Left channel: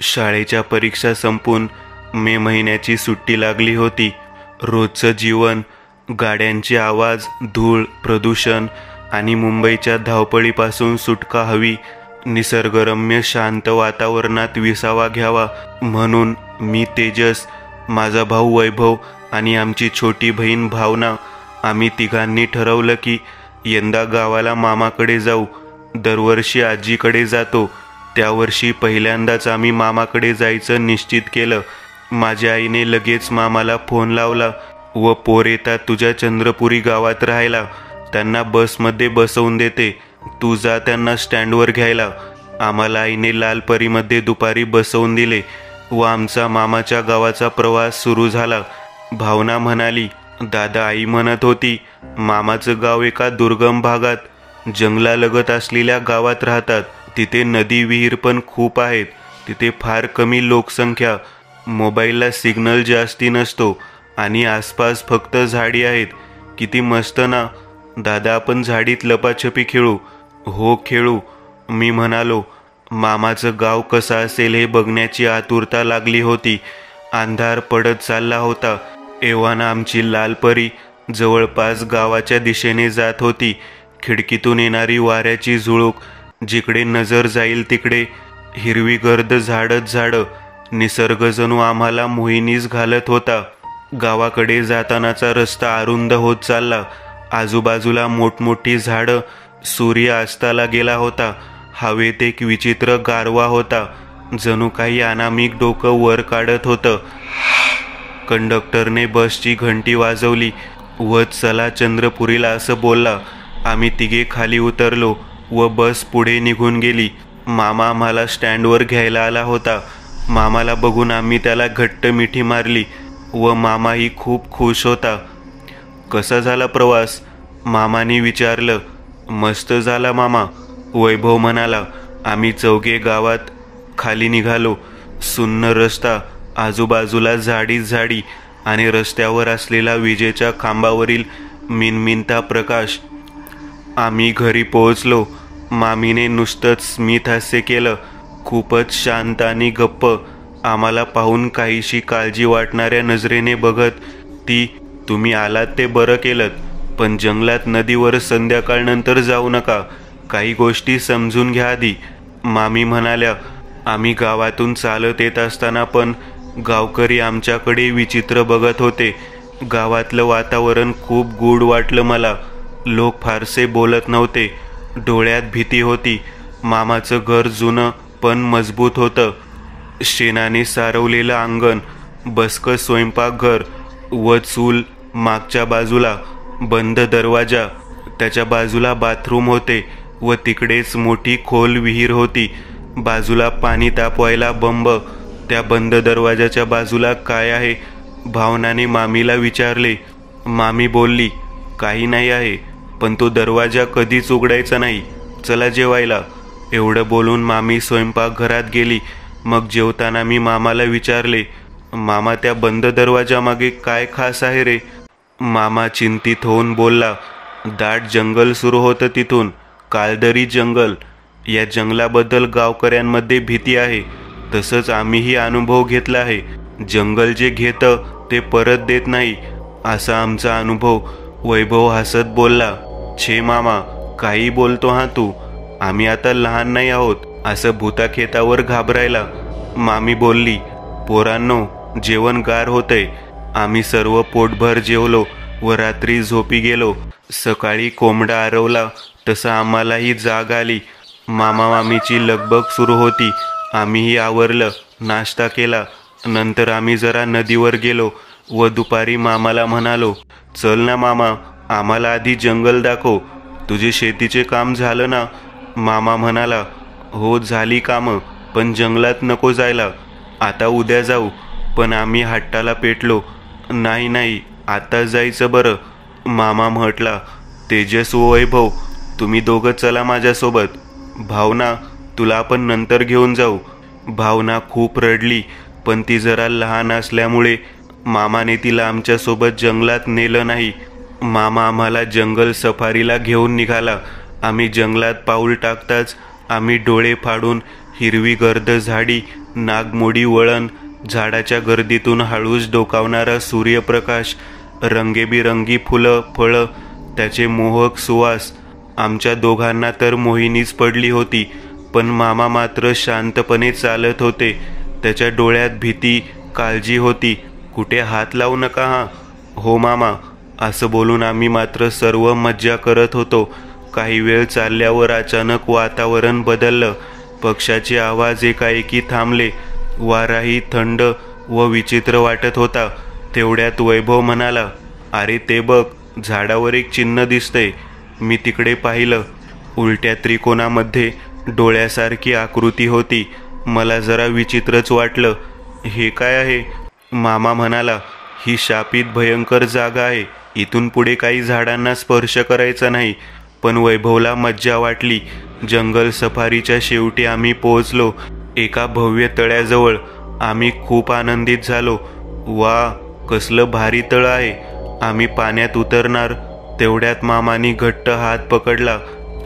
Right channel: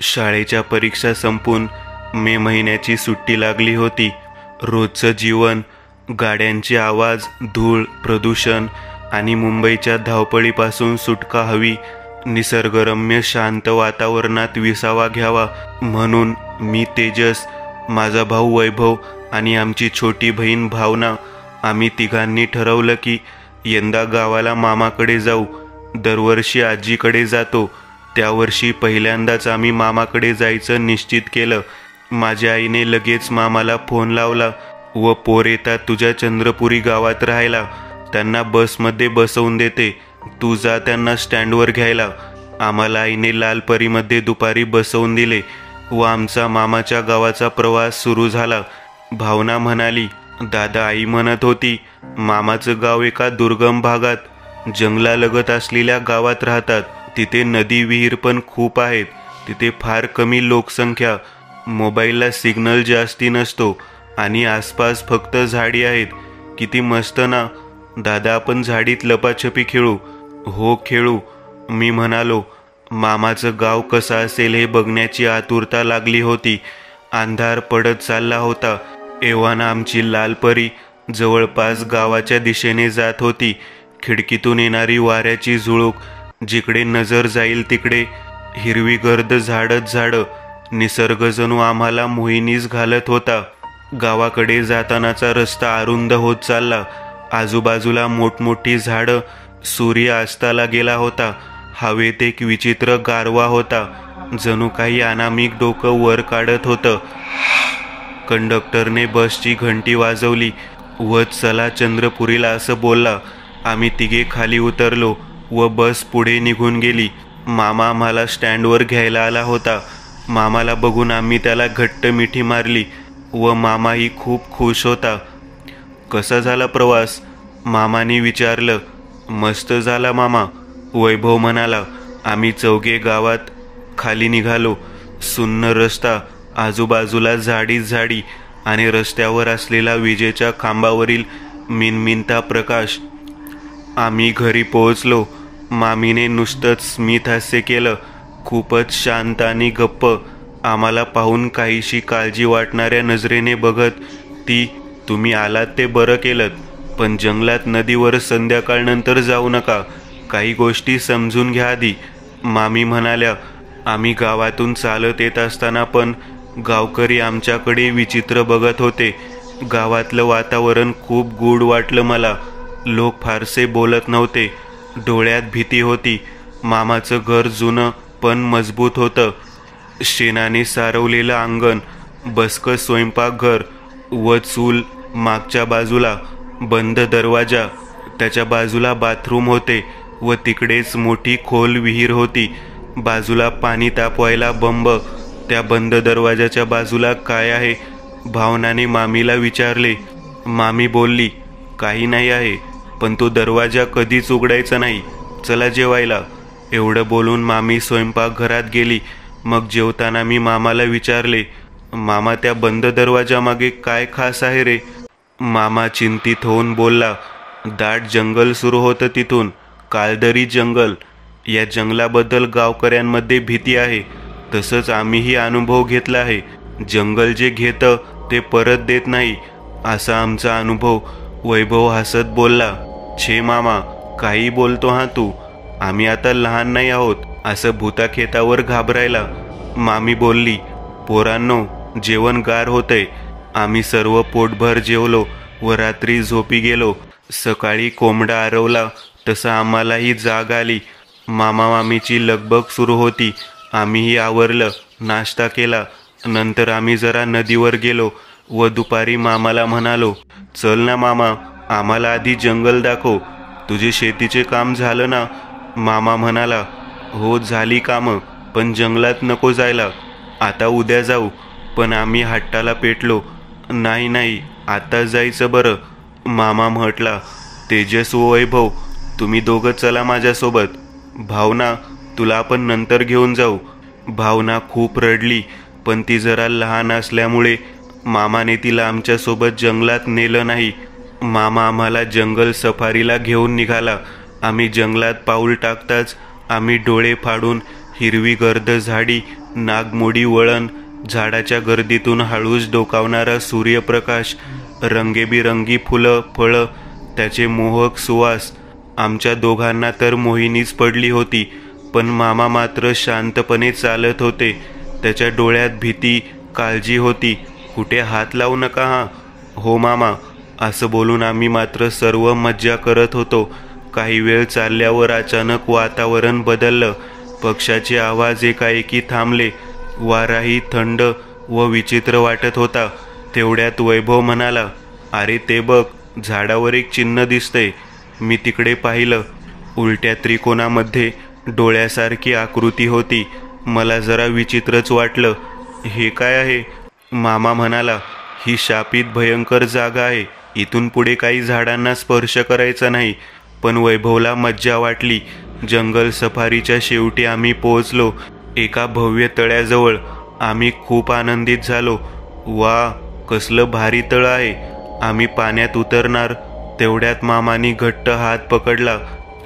शाळेच्या परीक्षा संपून मे महिन्याची सुट्टी लागली होती. रोजचं जीवन, गाड्यांचे आवाज, धूळ, प्रदूषण आणि मुंबईच्या धावपळीपासून सुटका हवी. निसर्गरम्य शांत वातावरणात विसावा घ्यावा म्हणून मी, तेजस, माझा भाऊ वैभव आणि आमची छोटी बहीण भावना आम्ही तिघांनी ठरवलं की यंदा गावाला मामाकडे जाऊ. दरवर्षी आजीकडे जातो, त्यावर्षी पहिल्यांदाच आम्ही मामाकडे जायचं निश्चित केलं. माझ्या आईने लगेच मामाला फोन लावला व पोर येतात तुझ्या चंद्रपुरी गावात राहायला, त्यांना बसमध्ये बसवून देते, तू जा त्यांना स्टँडवर घ्यायला. आम्हाला आईने लालपरीमध्ये दुपारी बसवून दिले व आमचा मामाच्या गावाचा प्रवास सुरू झाला. भावना म्हणाली, दादा, आई म्हणत होती मामाचं गाव एका दुर्गम भागात, जंगलालगत असलेल्या गावात राहतात. तिथे नदी, विहीर पण खूप आहेत. तिथे फार कमी लोकसंख्या, मोबाईलला सिग्नल जास्ती नसतो आणि आसपास फक्त झाडी आहेत. किती मस्त ना दादा, आपण झाडीत लपाछपी खेळू. हो खेळू, मी म्हणालो. मामाचं गाव कसं असेल हे बघण्याची आतुरता लागली होती. अंधार पडत चालला होता. एव्हाना आमची लालपरी जवळपास गावाच्या दिशेने जात होती. खिडकीतून येणारी वाऱ्याची झुळूक, जिकडे नजर जाईल तिकडे हिरवीगर्द झाडच झाडं. निसर्ग जणू आम्हाला मोहिनीस घालत होता. गावाकडे जातानाचा रस्ता अरुंद होत चालला. आजूबाजूला मोठमोठी झाडं. सूर्य अस्ताला गेला होता. हवेत एक विचित्र गारवा होता, जणू काही अनामिक डोकं वर काढत होतं. कंडक्टरने बसची घंटी वाजवली व चला चंद्रपुरीला असं बोलला. आम्ही तिघे खाली उतरलो व बस पुढे निघून गेली. मामा आम्हाला स्टँडवर घ्यायला आला होता. मामाला बघून आम्ही त्याला घट्ट मिठी मारली व मामाही खूप खुश होता. कसा झाला प्रवास? मामाने विचारलं. मस्त झाला मामा, वैभव म्हणाला. आम्ही चौघे गावात खाली निघालो. सुन्न रस्ता, आजूबाजूला झाडीच झाडी आणि रस्त्यावर असलेला विजेच्या खांबावरील मिनमिनता प्रकाश. आम्ही घरी पोहोचलो. मामीने नुसतंच स्मित हास्य केलं. खूपच शांत आणि गप्प. आम्हाला पाहून काहीशी काळजी वाटणाऱ्या नजरेने बघत ती, तुम्ही आलात ते बरं केलं, पण जंगलात नदीवर संध्याकाळनंतर जाऊ नका. काही गोष्टी समजून घ्या आधी, मामी म्हणाल्या. आम्ही गावातून चालत येत असताना पण गावकरी आमच्याकडे विचित्र बघत होते. गावातलं वातावरण खूप गूढ वाटलं मला. लोक फारसे बोलत नव्हते. डोळ्यात भीती होती. मामाचं घर जुनं पण मजबूत होतं. शेणाने सारवलेलं अंगण, बसकं स्वयंपाकघर व चूल मागच्या बाजूला, बंद दरवाजा, त्याच्या बाजूला बाथरूम होते व तिकडेच मोठी खोल विहीर होती. बाजूला पाणी तापवायला बंब. त्या बंद दरवाजाच्या बाजूला काय आहे? भावनाने मामीला विचारले. मामी बोलली, काही नाही आहे, पण तो दरवाजा कधीच उघडायचा नाही. चला जेवायला. एवढं बोलून मामी स्वयंपाकघरात गेली. मग जेवताना मी मामाला विचारले, मामा, त्या बंद दरवाजामागे काय खास आहे रे? मामा चिंतित होऊन बोलला, दाट जंगल सुरू होतं तिथून, काळदरी जंगल. या जंगलाबद्दल गावकऱ्यांमध्ये भीती आहे. तसंच आम्हीही अनुभव घेतला आहे. जंगल जे घेतं ते परत देत नाही, असा आमचा अनुभव. वैभव हसत बोलला, छे मामा, काही बोलतो हा तू. आम्ही आता लहान नाही आहोत असं भूताखेतावर घाबरायला. मामी बोलली, पोरांनो, जेवण गार होतंय. आम्ही सर्व पोटभर जेवलो व रात्री झोपी गेलो. सकाळी कोंबडा आरवला तसं आम्हालाही जाग आली. मामा मामीची लगबग सुरू होती. आम्हीही आवरलं, नाश्ता केला. नंतर आम्ही जरा नदीवर गेलो व दुपारी मामाला म्हणालो, चल ना मामा, आम्हाला आधी जंगल दाखव. तुझे शेतीचे काम झालं ना? मामा म्हणाला, हो झाली कामं, पण जंगलात नको जायला. आता उद्या जाऊ. पण आम्ही हट्टाला पेटलो. नाही नाही, आता जायचं बरं. मामा म्हटला, तेजस व वैभव, तुम्ही दोघं चला माझ्यासोबत. भावना, तुला आपण नंतर घेऊन जाऊ. भावना खूप रडली, पण ती जरा लहान असल्यामुळे मामाने तिला आमच्यासोबत जंगलात नेलं नाही. मामा आम्हाला जंगल सफारीला घेऊन निघाला. आम्ही जंगलात पाऊल टाकताच आम्ही डोळे फाडून हिरवी गर्द झाडी, नागमोडी वळण, झाडाच्या गर्दीतून हळूच डोकावणारा सूर्यप्रकाश, रंगेबिरंगी फुलं फळं, त्याचे मोहक सुवास. आमच्या दोघांना तर मोहिनीच पडली होती. पण मामा मात्र शांतपणे चालत होते. त्याच्या डोळ्यात भीती, काळजी होती. कुठे हात लावू नका हा. हो मामा, असं बोलून आम्ही मात्र सर्व मज्जा करत होतो. काही वेळ चालल्यावर अचानक वातावरण बदललं. पक्ष्याचे आवाज एकाएकी थांबले. वाराही थंड व विचित्र वाटत होता. तेवढ्यात वैभव म्हणाला, अरे ते बघ, झाडावर एक चिन्ह दिसतंय. मी तिकडे पाहिलं. उलट्या त्रिकोणामध्ये डोळ्यासारखी आकृती होती. मला जरा विचित्रच वाटलं. हे काय आहे? मामा म्हणाला, ही शापित भयंकर जागा आहे. इथून पुढे काही झाडांना स्पर्श करायचा नाही. पण वैभवला मज्जा वाटली. जंगल सफारीच्या शेवटी आम्ही पोहोचलो. एका भव्य तळ्याजवळ. आम्ही खूप आनंदित झालो. वा, कसलं भारी तळ आहे. आम्ही पाण्यात उतरणार तेवढ्यात मामानी घट्ट हात पकडला.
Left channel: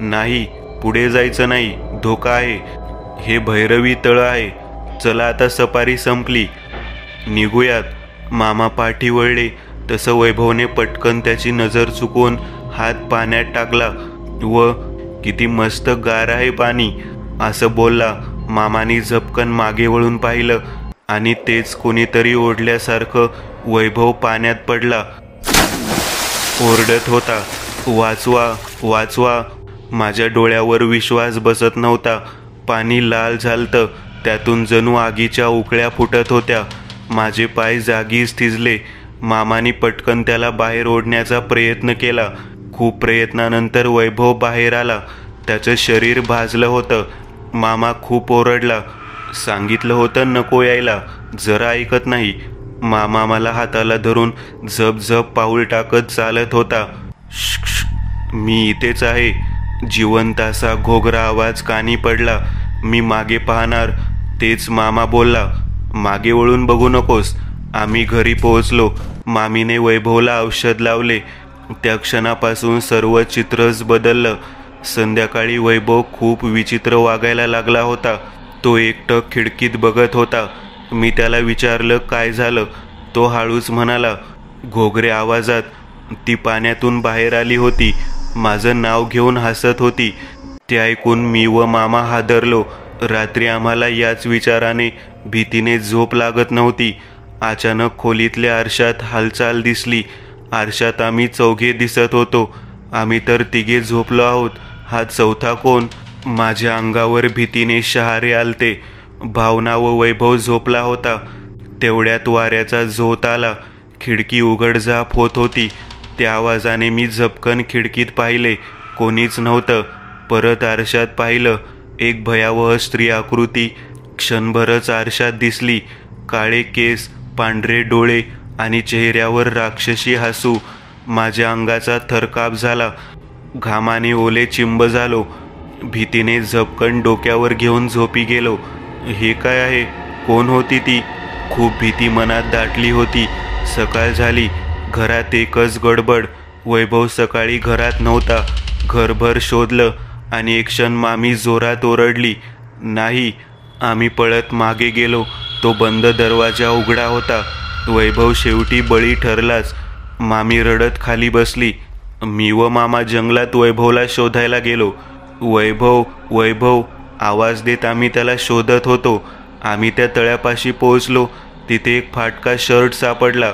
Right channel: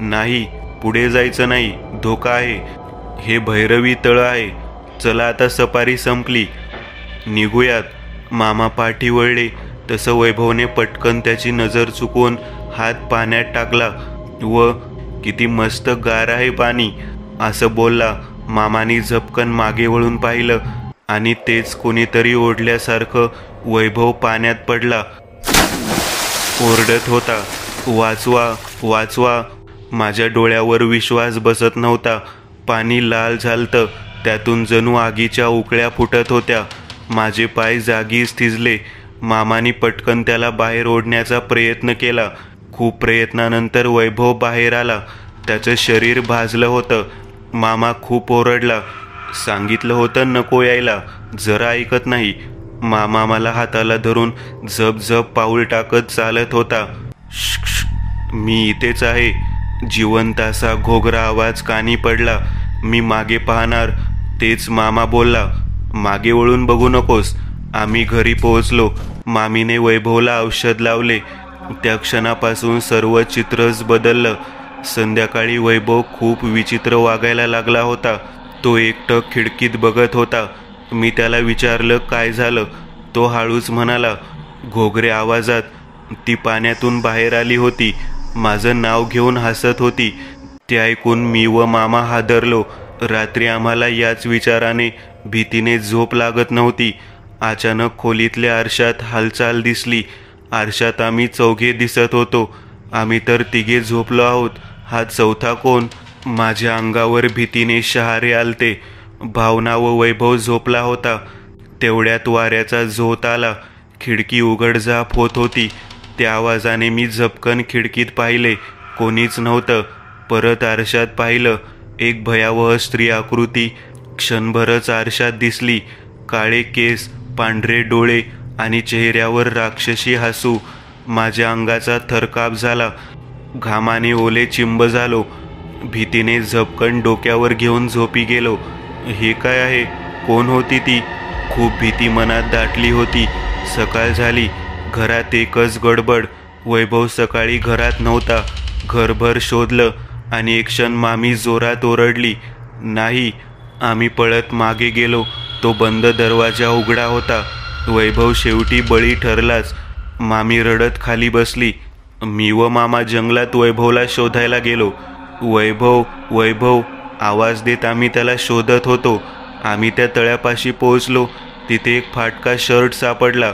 नाही, पुढे जायचं नाही, धोका आहे. हे भैरवी तळ आहे. चला आता सफारी संपली, निघूयात. मामा पाठी वळले तसं वैभवने पटकन त्याची नजर चुकवून हात पाण्यात टाकला व किती मस्त गार आहे पाणी, असं बोलला. मामानी झपकन मागे वळून पाहिलं आणि तेच कोणीतरी ओढल्यासारखं वैभव पाण्यात पडला. ओरडत होता, वाचवा वाचवा. माझ्या डोळ्यावर विश्वास बसत नव्हता. पाणी लाल झालतं. त्यातून जणू आगीच्या उकळ्या फुटत होत्या. माझे पाय जागीच थिजले. मामानी पटकन त्याला बाहेर ओढण्याचा प्रयत्न केला. खूप प्रयत्नानंतर वैभव बाहेर आला. त्याचं शरीर भाजलं होतं. मामा खूप ओरडला. सांगितलं होतं नको यायला, जरा ऐकत नाही. मामा मला हाताला धरून झप झप पाऊल टाकत चालत होता. मी इथेच आहे. जिवंत असा घोगरा आवाज कानी पडला. मी मागे पाहणार तेच मामा बोलला, मागे वळून बघू नकोस. आम्ही घरी पोहोचलो. मामीने वैभवला औषध लावले. त्या क्षणापासून सर्व चित्रच बदललं. संध्याकाळी वैभव खूप विचित्र वागायला लागला होता. तो एकटक खिडकीत बघत होता. मी त्याला विचारलं काय झालं. तो हळूच म्हणाला, घोगऱ्या आवाजात. ती पाण्यातून बाहेर आली होती. माझं नाव घेऊन हसत होती. ते ऐकून मी व मामा हादरलो. रात्री आम्हाला याच विचाराने भीतीने झोप लागत नव्हती. अचानक खोलीतल्या आरशात हालचाल दिसली. आरशात आम्ही चौघे दिसत होतो. आम्ही तर तिघे झोपलो आहोत. हा चौथा कोण? माझ्या अंगावर भीतीने शहारे आलते. भावना व वैभव झोपला होता. तेवढ्यात वाऱ्याचा झोत आला. खिडकी उघडझाप होत होती. त्या आवाजाने मी झपकन खिडकीत पाहिले. कोणीच नव्हतं. परत आरशात पाहिलं. एक भयावह स्त्री आकृती क्षणभरच आरशात दिसली. काळे केस, पांढरे डोळे आणि चेहऱ्यावर राक्षसी हसू. माझ्या अंगाचा थरकाप झाला. घामाने ओले चिंब झालो. भीतीने झपकन डोक्यावर घेऊन झोपी गेलो. हे काय आहे? कोण होती ती? खूप भीती मनात दाटली होती. सकाळ झाली. घरात एकच गडबड. वैभव सकाळी घरात नव्हता. घरभर शोधलं आणि एक क्षण मामी जोरात ओरडली, नाही. आम्ही पळत मागे गेलो. तो बंद दरवाजा उघडा होता. वैभव शेवटी बळी ठरलाच. मामी रडत खाली बसली. मी व मामा जंगलात वैभवला शोधायला गेलो. वैभव वैभव आवाज देत आम्ही त्याला शोधत होतो. आम्ही त्या तळ्यापाशी पोहोचलो. तिथे एक फाटका शर्ट सापडला.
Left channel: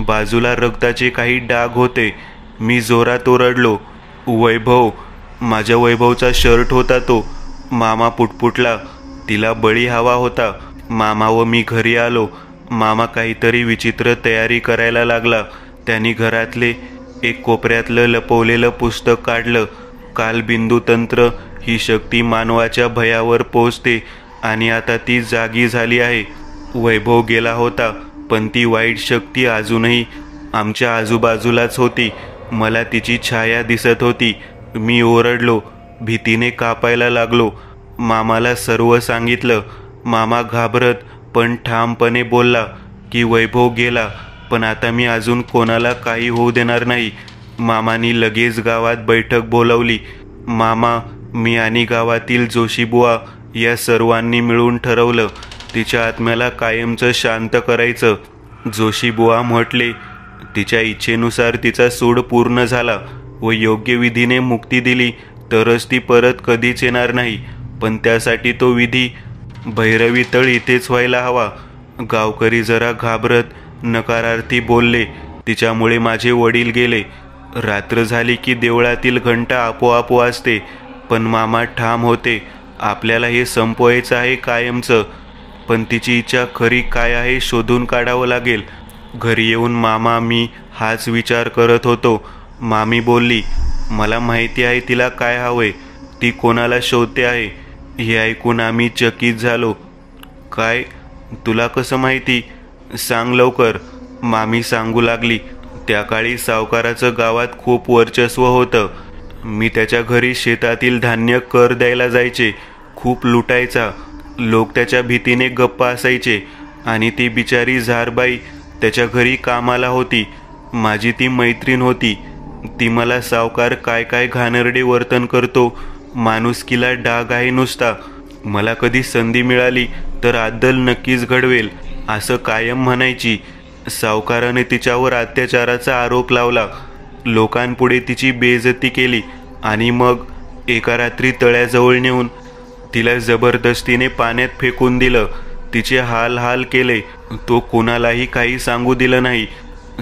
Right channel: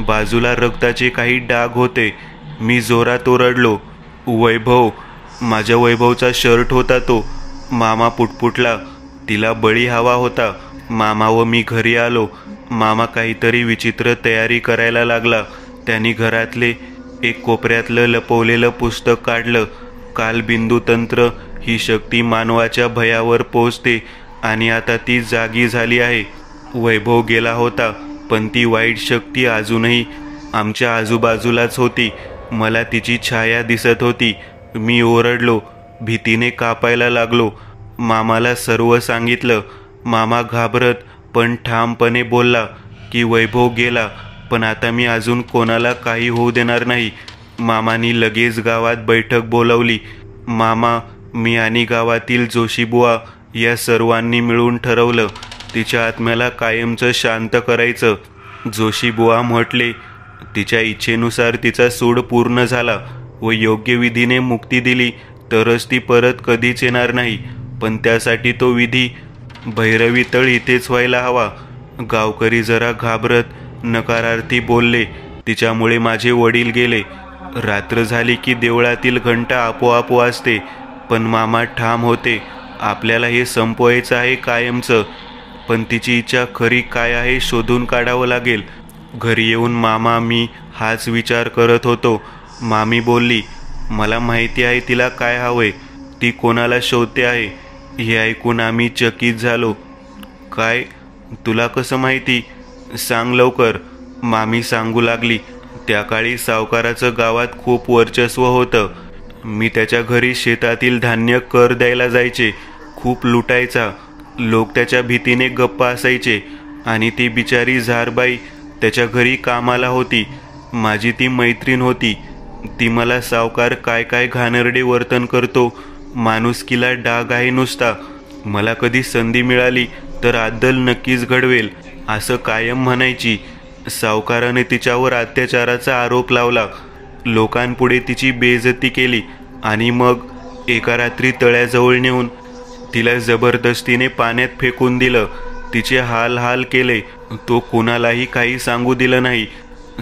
बाजूला रक्ताचे काही डाग होते. मी जोरात ओरडलो, वैभव. माझ्या वैभवचा शर्ट होता तो. मामा पुटपुटला, तिला बळी हवा होता. मामा व मी घरी आलो. मामा काहीतरी विचित्र तयारी करायला लागला. त्यांनी घरातले एक कोपऱ्यातलं लपवलेलं पुस्तक काढलं. कालबिंदू तंत्र ही शक्ती मानवाच्या भयावर पोहोचते आणि आता ती जागी झाली आहे. वैभव गेला होता, पण ती वाईट शक्ती अजूनही आमच्या आजूबाजूलाच होती. मला तिची छाया दिसत होती. मी ओरडलो. भीतीने कापायला लागलो. मामाला सर्व सांगितलं. मामा घाबरत पण ठामपणे बोलला की वैभव गेला, पण आता मी अजून कोणाला काही होऊ देणार नाही. मामानी लगेच गावात बैठक बोलावली. मामा, मी आणि गावातील जोशीबुवा या सर्वांनी मिळून ठरवलं तिच्या आत्म्याला कायमचं शांत करायचं. जोशीबुवा म्हटले, तिच्या इच्छेनुसार तिचा सूड पूर्ण झाला व योग्य विधीने मुक्ती दिली तरच ती परत कधीच येणार नाही. पण त्यासाठी तो विधी भैरवी तळ इथेच व्हायला हवा. गावकरी जरा घाबरत नकारार्थी बोलले, तिच्यामुळे माझे वडील गेले. रात्र झाली की देवळातील घंटा आपोआप वाजते. पण मामा ठाम होते, आपल्याला हे संपवायचं आहे कायमचं. पण तिची इच्छा खरी काय आहे शोधून काढावं लागेल. घरी येऊन मामा मी हाच विचार करत होतो. मामी बोलली, मला माहिती आहे तिला काय हवंय, ती कोणाला शोधते आहे. हे ऐकून आम्ही चकित झालो. काय, तुला कसं माहिती? सांग लवकर, मामी सांगू लागली. त्या काळी सावकाराचं गावात खूप वर्चस्व होतं. मी त्याच्या घरी शेतातील धान्य कर द्यायला जायचे. खूप लुटायचा. लोक त्याच्या भीतीने गप्प असायचे. आणि ती बिचारी झारबाई त्याच्या घरी कामाला होती. माझी ती मैत्रीण होती. ती मला सावकार काय काय घाणेरडे वर्तन करतो, माणुसकीला डाग आहे नुसता, मला कधी संधी मिळाली तर अद्दल नक्कीच घडवेल असं कायम म्हणायची. सावकाराने तिच्यावर अत्याचाराचा आरोप लावला. लोकांपुढे तिची बेइज्जती केली आणि मग एका रात्री तळ्याजवळ नेऊन तिला जबरदस्तीने पाण्यात फेकून दिलं. तिचे हाल हाल केले. तो कोणालाही काही सांगू दिलं नाही.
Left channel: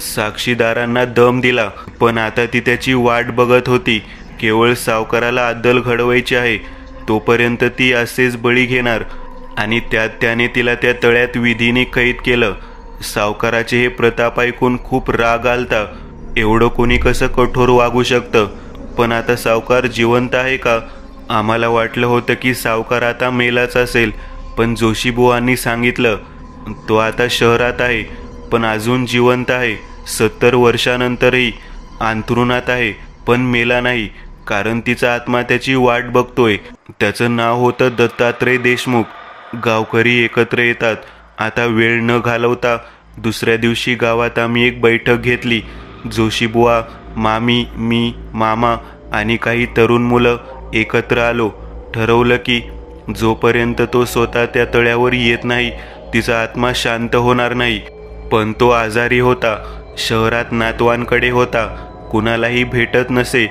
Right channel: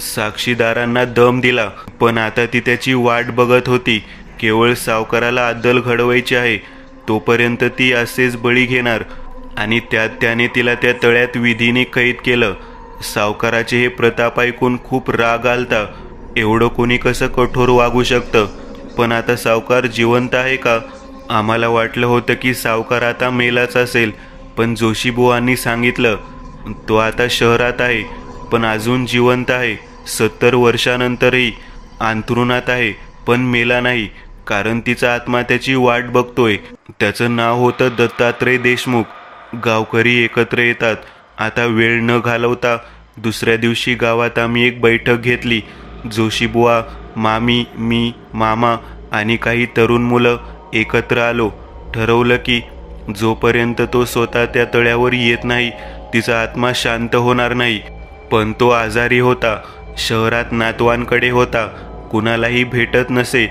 साक्षीदारांना दम दिला. पण आता ती त्याची वाट बघत होती. केवळ सावकाराला अद्दल घडवायची आहे. तोपर्यंत ती असेच बळी घेणार. आणि त्यात त्याने तिला त्या तळ्यात विधीने कैद केलं. सावकाराचे हे प्रताप ऐकून खूप राग आलता. एवढं कोणी कसं कठोर वागू शकतं? पण आता सावकार जिवंत आहे का? आम्हाला वाटलं होतं की सावकार आता मेलाच असेल. पण जोशीबुवांनी सांगितलं तो आता शहरात आहे, पण अजून जिवंत आहे. 70 वर्षानंतरही अंथरुणात आहे, पण मेला नाही. कारण तिचा आत्मा त्याची वाट बघतोय. त्याचं नाव होतं दत्तात्रय देशमुख. गावकरी एकत्र येतात. आता वेळ न घालवता दुसऱ्या दिवशी गावात आम्ही एक बैठक घेतली. जोशीबुवा, मामी, मी, मामा आणि काही तरुण मुलं एकत्र आलो. ठरवलं की जोपर्यंत तो स्वतः त्या तळ्यावर येत नाही तिचा आत्मा शांत होणार नाही. पण तो आजारी होता. शहरात नातवांकडे होता. कुणालाही भेटत नसे.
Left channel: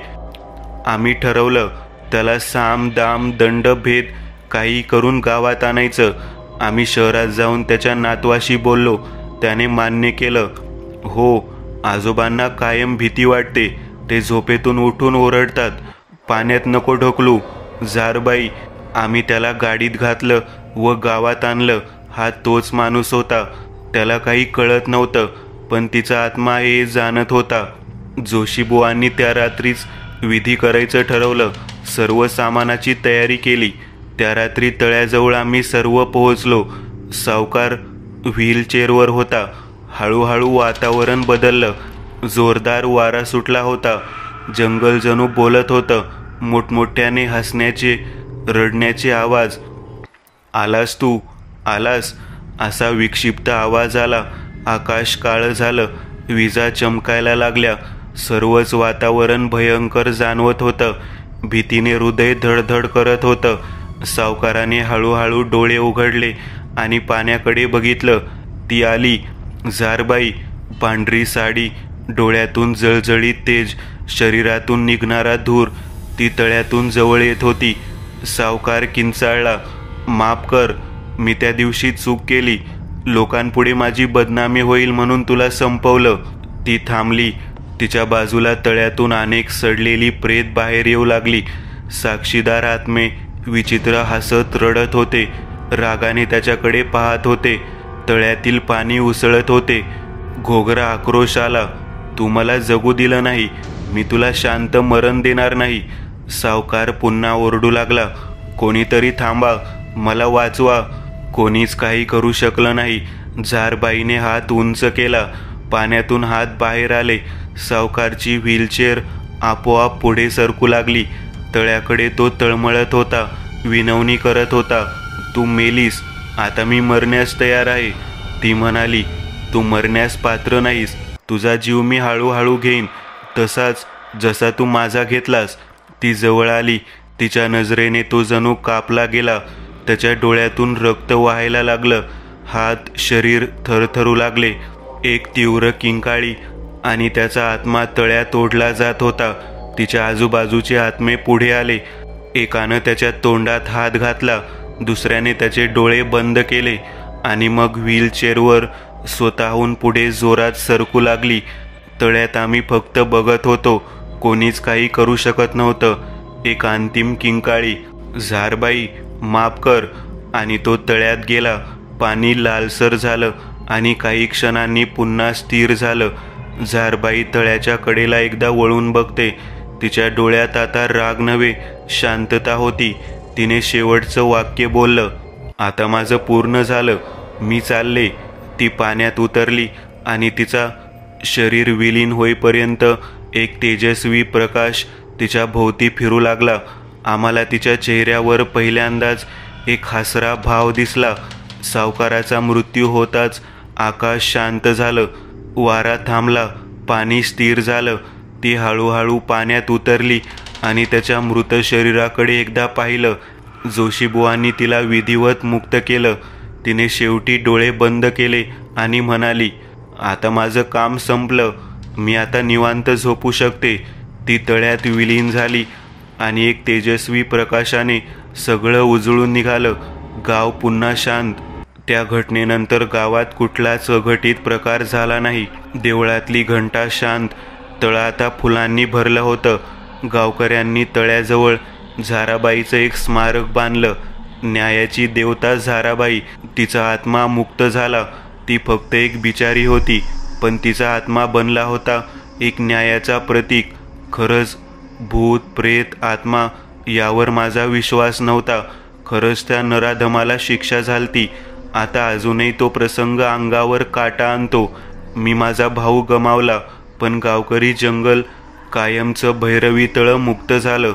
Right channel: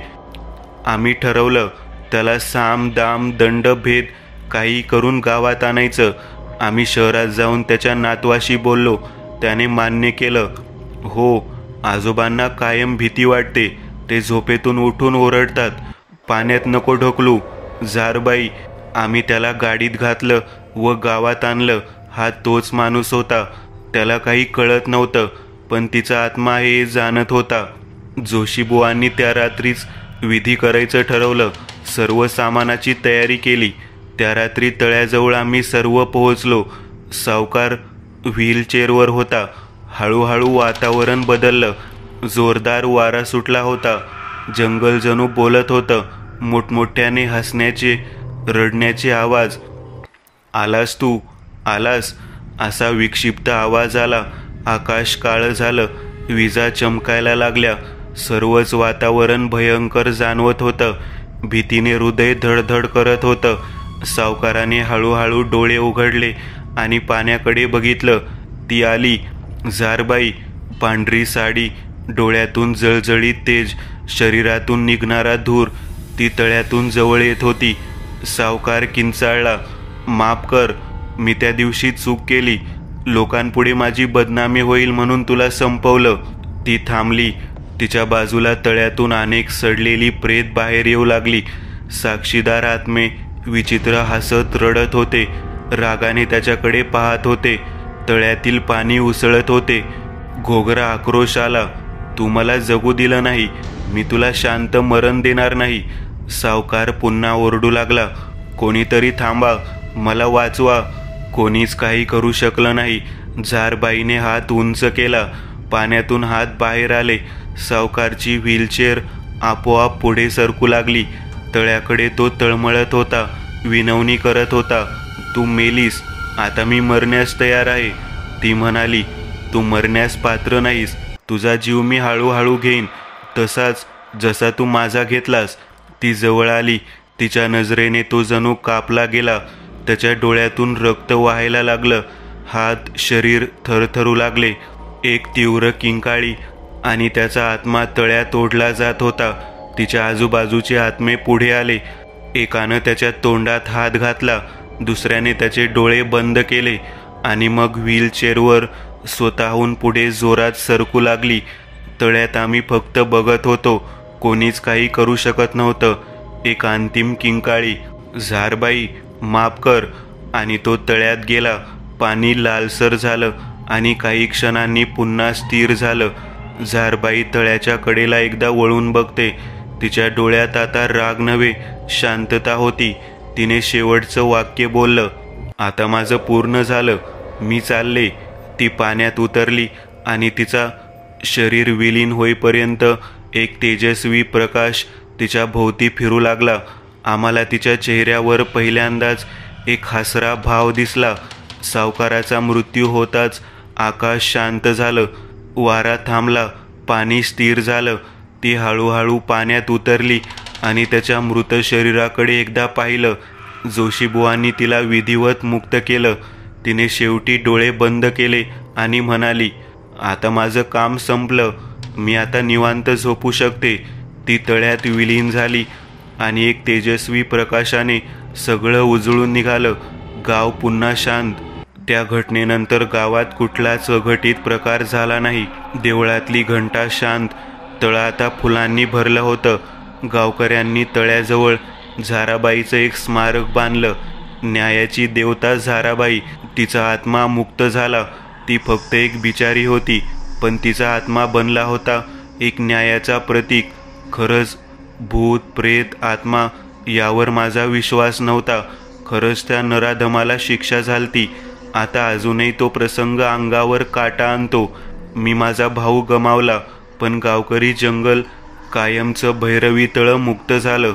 आम्ही ठरवलं त्याला साम दाम दंड भेद काही करून गावात आणायचं. आम्ही शहरात जाऊन त्याच्या नातवाशी बोललो. त्याने मान्य केलं. हो, आजोबांना कायम भीती वाटते. ते झोपेतून उठून ओरडतात, पाण्यात नको ढकलू. झारबाई, आम्ही त्याला गाडीत घातलं व गावात आणलं. हा तोच माणूस होता. त्याला काही कळत नव्हतं, पण तिचा आत्मा हे जाणत होता. जोशीबुवांनी त्या रात्रीच विधी करायचं ठरवलं. सर्व सामानाची तयारी केली. त्या रात्री तळ्याजवळ आम्ही सर्व पोहोचलो. सावकार व्हीलचेअरवर होता. हळूहळू वातावरण बदललं. जोरदार वारा सुटला होता. जंगल जणू बोलत होतं. मोठमोठ्याने हसण्याचे, रडण्याचे आवाज. आलास तू, आलास, असा विक्षिप्त आवाज आला. आकाश काळं झालं. विजा चमकायला लागल्या. सर्वच वातावरण भयंकर जाणवत होतं. भीतीने हृदय धडधड करत होतं. सावकाराने हळूहळू डोळे उघडले आणि पाण्याकडे बघितलं. ती आली. झारबाई, पांढरी साडी, डोळ्यातून जळजळीत तेज, शरीरातून निघणारा धूर. ती तळ्यातून जवळ येत होती. सावकार किंचाळला, माफ कर, मी त्या दिवशी चूक केली. लोकांपुढे माझी बदनामी होईल म्हणून तुला संपवलं. ती थांबली. तिच्या बाजूला तळ्यातून अनेक सडलेली प्रेत बाहेर येऊ लागली. साक्षीदार आत्मे विचित्र हसत रडत होते. रागाने त्याच्याकडे पाहत होते. तळ्यातील पाणी उसळत होते. घोगरा आक्रोश आला. तू मला जगू दिलं नाही, मी तुला शांत मरण देणार नाही. सावकार पुन्हा ओरडू लागला, कोणीतरी थांबा, मला वाचवा. कोणीच काही करू शकलं नाही. झारबाईने हात उंच केला. पाण्यातून हात बाहेर आले. सावकारची व्हीलचेअर आपोआप पुढे सरकू लागली. तळ्याकडे तो तळमळत होता. विनवणी करत होता, तू मेलीस, आता मी मरण्यास तयार आहे. ती म्हणाली, तू मरण्यास पात्र नाहीस. तुझा जीव मी हळूहळू घेईन, तसाच जसा तू माझा घेतलास. ती जवळ आली. तिच्या नजरेने तो जणू कापला गेला. त्याच्या डोळ्यातून रक्त वाहायला लागलं. हात शरीर थरथरू लागले. एक तीव्र किंकाळी आणि त्याचा आत्मा तळ्यात ओढला जात होता. तिच्या आजूबाजूचे आत्मे पुढे आले. एकानं त्याच्या तोंडात हात घातला, दुसऱ्याने त्याचे डोळे बंद केले आणि मग व्हीलचेअरवर स्वतःहून पुढे जोरात सरकू लागली. तळ्यात आम्ही फक्त बघत होतो. कोणीच काही करू शकत नव्हतं. एक अंतिम किंकाळी, झारबाई माफ कर, आणि तो तळ्यात गेला. पाणी लालसर झालं आणि काही क्षणांनी पुन्हा स्थिर झालं. झारबाई तळ्याच्या कडेला एकदा वळून बघते. तिच्या डोळ्यात आता राग नव्हे, शांतता होती. तिने शेवटचं वाक्य बोललं, आता माझं पूर्ण झालं, मी चालले. ती पाण्यात उतरली आणि तिचा शरीर विलीन होईपर्यंत एक तेजस्वी प्रकाश तिच्या भोवती फिरू लागला. आम्हाला तिच्या चेहऱ्यावर पहिल्यांदाच एक हसरा भाव दिसला. सावकाराचा मृत्यू होताच आकाश शांत झालं. वारा थांबला. पाणी स्थिर झालं. ती हळूहळू पाण्यात उतरली आणि त्याच्या मृत शरीराकडे एकदा पाहिलं. जोशीबुवांनी तिला विधिवत मुक्त केलं. तिने शेवटी डोळे बंद केले आणि म्हणाली, आता माझं काम संपलं, मी आता निवांत झोपू शकते. ती तळ्यात विलीन झाली आणि एक तेजस्वी प्रकाशाने सगळं उजळून निघालं. गाव पुन्हा शांत. त्या घटनेनंतर गावात कुठलाच अघटित प्रकार झाला नाही. देवळातली घंटा शांत. तळं आता फुलांनी भरलं होतं. गावकऱ्यांनी तळ्याजवळ झाराबाईचं एक स्मारक बांधलं. न्यायाची देवता झाराबाई. तिचा आत्मा मुक्त झाला. ती फक्त एक बिचारी होती, पण तिचा आत्मा बनला होता एक न्यायाचा प्रतीक. खरंच भूत प्रेत आत्मा यावर माझा विश्वास नव्हता. खरंच त्या नराधमाला शिक्षा झालती. आता अजूनही तो प्रसंग अंगावर काटा आणतो. मी माझा भाऊ गमावला, पण गावकरी जंगल कायमचं भैरवी तळं मुक्त झालं.